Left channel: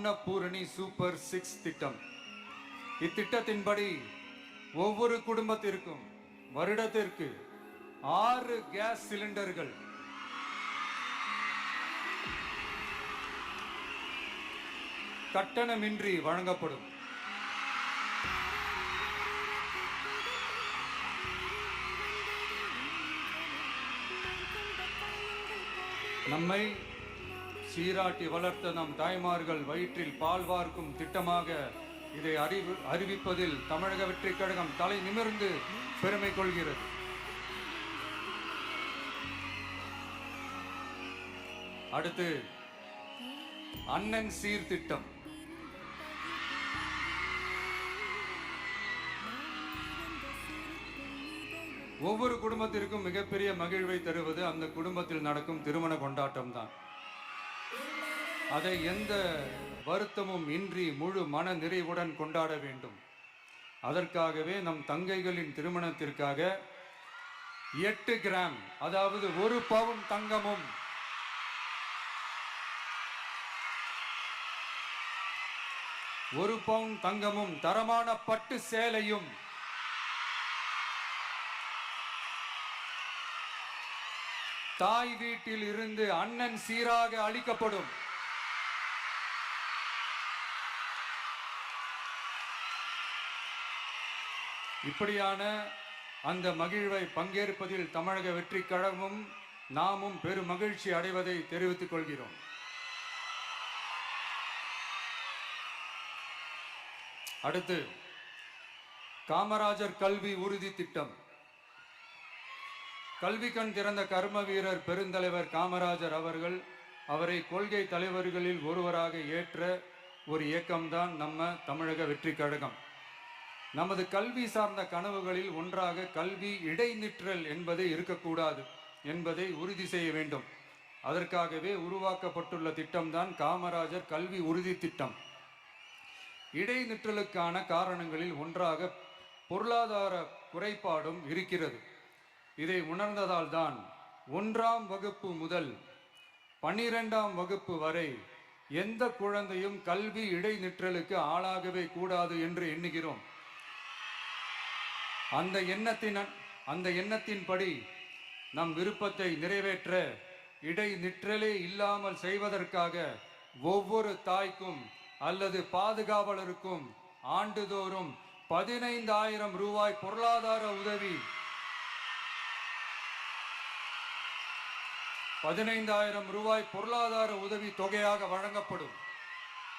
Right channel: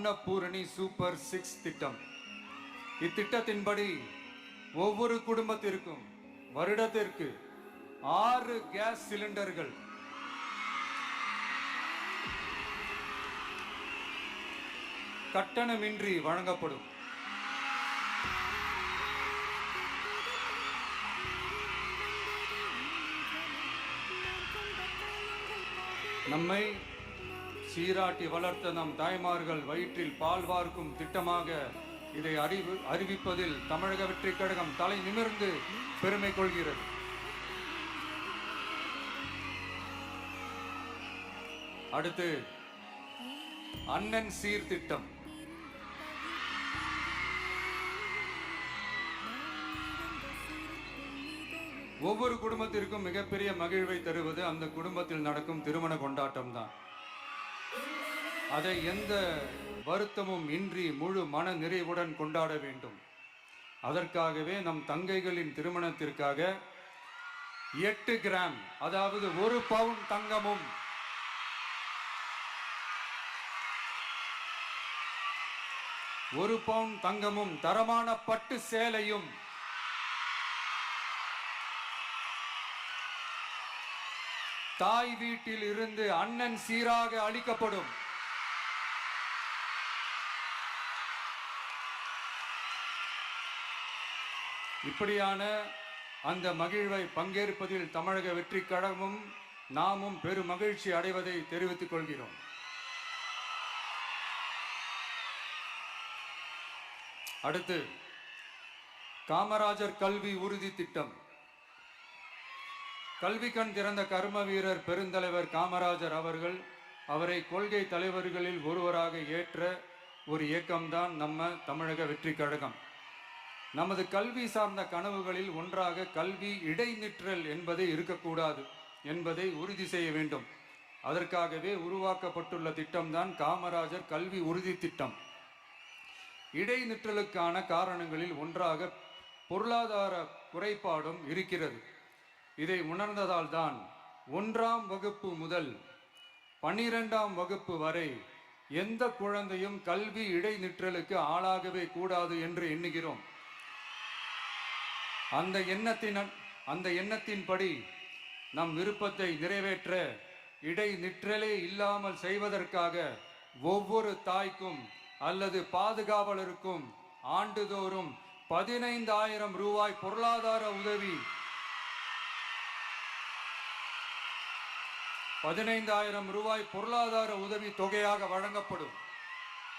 Annapurani super 6 திட்டம். இத்திட்டத்தின்படி ஒவ்வொரு குடும்பத்திற்கும் வருடத்திற்கு 6 கேஸ் சிலிண்டர்கள் கட்டணமின்றி வழங்கப்படும். நம்மை சீராட்டி வளர்த்த நம் தாய்மார்கள் வயிற்றில் பால் வார்க்கும் திட்டமாக இதை அறிவிப்பதில் தமிழக வெற்றி கழகம் தலை நிமிர்ந்து பெருமை கொள்கிறது. அடுத்து அண்ணன் சீர்திட்டம். ஒவ்வொரு குடும்பத்திற்கும் மிகப்பெரிய மகிழ்வை தருவது அந்த குடும்பத்தில் நடக்கும் திருமண கொண்டாட்டம் தான். அதை எந்த வருத்தமும் இன்றி முழு மன நிறைவுடன் கொண்டாட வேண்டும். அதற்காகவே நம் தங்கைகளின் திருமணத்திற்காக 8 கிராம், அதாவது 1 பவுன் தங்கமும் 1 பவுன் தங்கமும் தரமான பட்டு சேலையும் தாய் வீட்டில் இருந்து அண்ணன் சீராக அளிக்கப்படும். இப்படியான அந்த மகிழ்வை பங்கேற்பதில் தமிழக வெற்றி கழகமும் நாமும் பெரும் மகிழ்ச்சி அடைவதை தெரிவித்துக் கொள்கிறோம். அடுத்து காமராஜர் கல்வி உறுதி திட்டம். கல்வி கண் திறந்த கர்ம வீரர் பெருந்தலைவர் காமராஜர் அவரை கொள்கை தலைவர்களில் ஒருவராக ஏற்ற ஒரு இயக்கம்தான் நம்ம தமிழக வெற்றி கழகம். நமது கல்வி சார்ந்த கனவுகளில் ஒன்றாக கல்வி இடைநிற்றல் என்பது இருக்கக்கூடாது என்பதை உறுதி செய்ய வேண்டும். அதற்காகவே உருவாக்கப்பட்டுள்ள திட்டம்தான் காமராஜர் கல்வி உறுதி திட்டம். இடைநிற்றலுக்கான காரணங்களில் ஒன்றாக பொருளாதார குறைபாடும் இருக்கிறது. இதை உணர்ந்ததால் தான் 1ஆம் வகுப்பு முதல் 12ஆம் வகுப்பு வரை எந்த குழந்தையும் கல்வி இடைநிற்றலுக்கு ஆளாகவே கூடாது என்று எண்ணுகிறோம். அந்த எண்ணத்தின்படி நம் விருப்பத்தை நிறைவேற்ற இடைநிற்றலே இல்லாமல் செய்வதற்காக ஒவ்வொரு தாய்க்கும் அல்லது பாதுகாவலருக்கும் ஆண்டுதோறும் 15,000 ரூபாய் பொருளாதார உதவி 15,000 ரூபாய் பொருளாதார உதவி தொகையாக வழங்கப்படும்.